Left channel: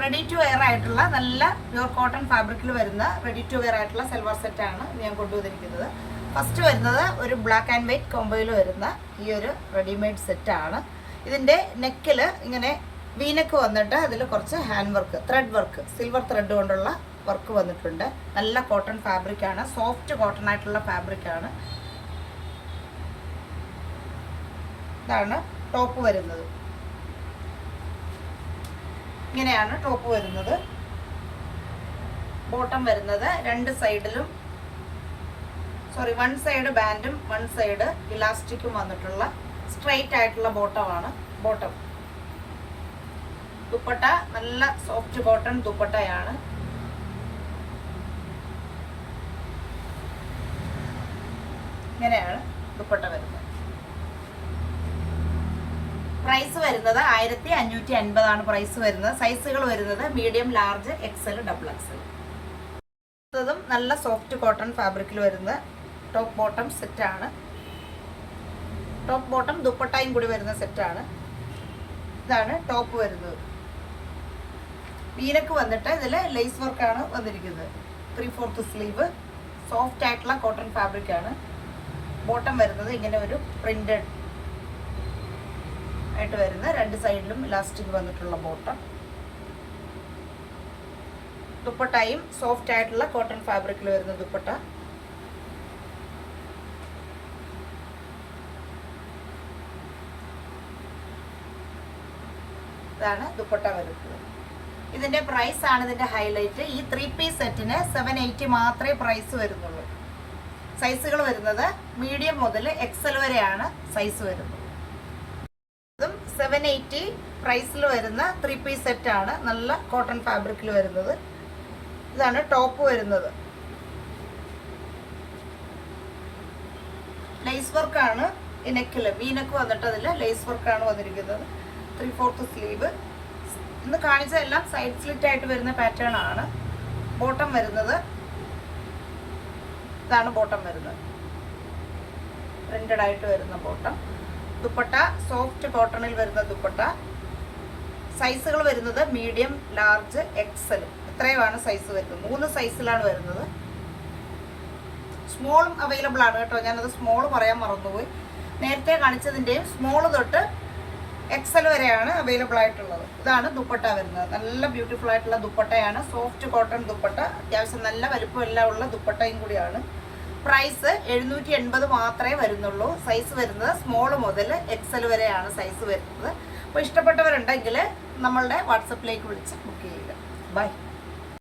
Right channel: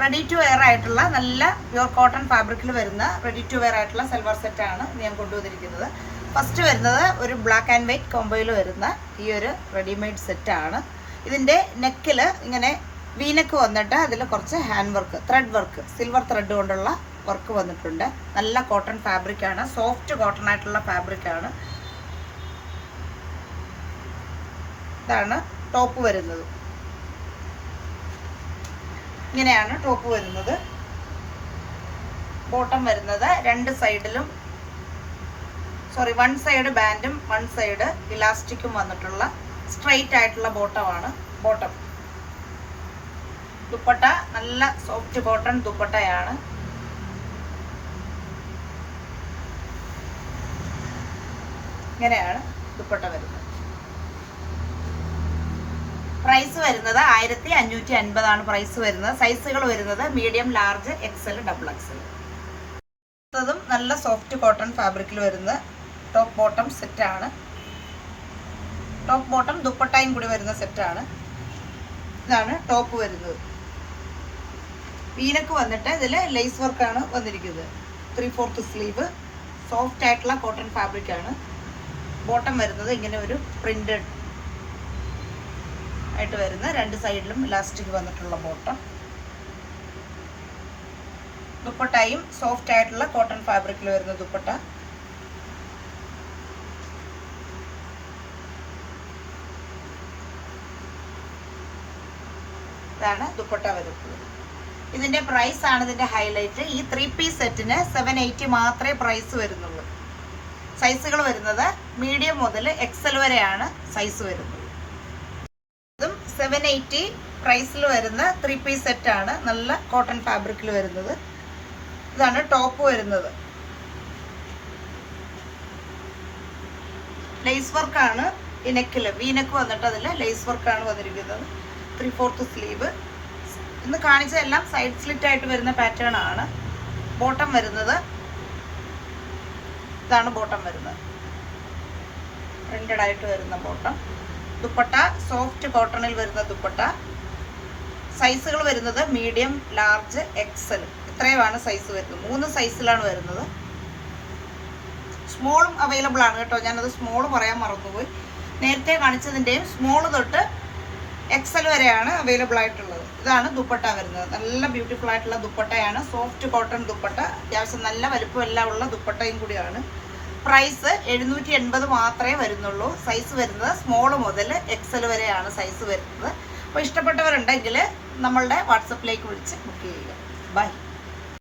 Ready to wear ആയിട്ടുള്ള നല്ല pure cotton ഫാബ്രിക്കിൽ വരുന്ന റെഡി ടു വെയർ ആയിട്ടുള്ള സൽവാർ സെറ്റാണ് ഞാൻ കൊണ്ടുവന്നിരിക്കുന്നത്. ഫസ്റ്റ് വരുന്നത് ഒരു ബ്ലാക്ക് ആൻഡ് വൈറ്റ് കോംബോയിൽ വരുന്ന ഈ ഒരു റെഡിമെയ്ഡ് സെറ്റാണ്. ഇതിൻ്റെ നെക്കിൽ ഇങ്ങനെ വീനക്ക് വന്നിട്ട് അതിൽ കുറച്ച് hand work, thread work, silver thread കൊണ്ടുള്ള വർക്ക് വന്നിട്ടുണ്ട്. നല്ല കോട്ടൺ ഫാബ്രിക്കാണ്, സോഫ്റ്റ് കോട്ടൺ ആയിട്ടുള്ള ഫാബ്രിക്കാണ്. ഇതാണ് ടോപ്പ് വരുന്നത്. ഇങ്ങനെയാണ് ടോപ്പ് വരുന്നത്. ബോട്ടം വരുന്നത് രണ്ട് സൈഡിലും വൺ സൈഡ് ബാൻഡും വൺ സൈഡ് ഇലാസ്റ്റിക്കും വന്നിട്ടുള്ള സ്ട്രെയിറ്റ് ആയിട്ടുള്ള ബോട്ടമാണ്. ബോട്ടം ദുപ്പട്ട നല്ല സോഫ്റ്റ് കോട്ടൺ ദുപ്പട്ടയാണ്. ഇങ്ങനെയാണ് ദുപ്പട്ട വരുന്നത്. പ്രൈസ് വരുന്നത് 1550 പ്രൈസ് വരുന്നത്. സൈസുകൾ വരുന്നത് medium, large, XL, double XL. അടുത്തതും നല്ല സോഫ്റ്റ് കോട്ടൺ ഫാബ്രിക്കിൽ വരുന്ന ടോപ്പ് ബോട്ടം സെറ്റാണ്. ടോപ്പ് ബോട്ടം ദുപ്പട്ടയും കൂടി വരുന്ന സെറ്റാണ്. ഇതാണ് ടോപ്പ് വരുന്നത്. വീനക്ക് വന്നിട്ട് ഇതിൽ ലേസ് വർക്കാണ് വന്നിരിക്കുന്നത്. 3/4 സ്ലീവ്, സോഫ്റ്റ് ആയിട്ടുള്ള കോട്ടൺ ഫാബ്രിക്കാണ്. ബോട്ടം വരുന്നത് ഇങ്ങനെ ഒരു പ്രിന്റഡ് ആയിട്ട് വരുന്ന രണ്ട് സൈഡിലും ഇലാസ്റ്റിക് വന്നിട്ടുള്ള ബോട്ടം. ദുപ്പട്ടയും സോഫ്റ്റ് ആയിട്ടുള്ള കോട്ടൺ ഫാബ്രിക്കിൽ വരുന്ന ദുപ്പട്ട. ഇതാണ് ദുപ്പട്ട വരുന്നത്. ഇതിന്റെ പ്രൈസ് ആണ് ഇതിന്റെ ഹൈലൈറ്റ്. ഈ 3 പീസ് സെറ്റിന് 780 മാത്രമേ പ്രൈസ് വരുന്നുള്ളൂ. സൈസുകൾ വരുന്നത് മീഡിയം മുതൽ എക്സൽ വരെയാണ് സൈസ് വരുന്നത്. 780 പ്രൈസിൽ വരുന്ന 3 പീസ് സെറ്റാണ്. നല്ല കോട്ടൺ ഫാബ്രിക്കിൽ വരുന്നത്. ഇതാണ് ടോപ്പ് വരുന്നത്. ലേസ് വർക്കാണ് ഈ നെക്കിൽ. വീനക്ക് വന്നിട്ട് അതിൽ ലേസ് വർക്കാണ് വന്നിരിക്കുന്നത്. 3/4 സ്ലീവ്. ഇന്ന് കാണിച്ചതെല്ലാം സൈഡ് സ്ലിറ്റ് ആയിട്ട് വരുന്ന പാറ്റേൺ ആണ്. ബോട്ടം വരുന്നത് ഇതാണ്. ബോട്ടം വരുന്നത് പ്രിന്റഡ് ആയിട്ട് വരുന്ന ബോട്ടം. ദുപ്പട്ട സോഫ്റ്റ് കോട്ടണിൽ വരുന്ന ദുപ്പട്ട. സൈസുകൾ വരുന്നത് മീഡിയം, ലാർജ്, എക്സൽ. ഇത്രയുമാണ് സൈസ് വരുന്നത്. 3 സൈസിലാണ് വരുന്നത്. സ്മോളും അവൈലബിൾ ആണ് കേട്ടോ. ഞാനത് സ്മോൾ പറയാൻ മറന്നുപോയി. നേരത്തെ കാണിച്ചതിൻ്റെയും സ്മോൾ തൊട്ട് എക്സൽ വരെയാണ് അവൈലബിൾ ആയിട്ടുള്ളത്. ഇതാണ് ദുപ്പട്ട വരുന്നത്. നല്ല ബ്യൂട്ടിഫുൾ ആയിട്ടുള്ള ദുപ്പട്ടയാണ്. Soft cotton dupatta. അത്യാവശ്യം നല്ല വലുപ്പം എല്ലാം ഉള്ള ദുപ്പട്ടയും കൂടിയാണ്. പ്രൈസ് 780 മാത്രമേ വരുന്നുള്ളൂ. സൈസ് വരുന്നത് സ്മോൾ മുതൽ എക്സൽ വരെയാണ് സൈസ് വരുന്നത്. അപ്പോൾ ഇഷ്ടപ്പെട്ടവരുണ്ടെങ്കിൽ നമ്മളുടെ വാട്സപ്പിലേക്ക് വിളിച്ച് ബുക്ക് ചെയ്യുക. ബൈ.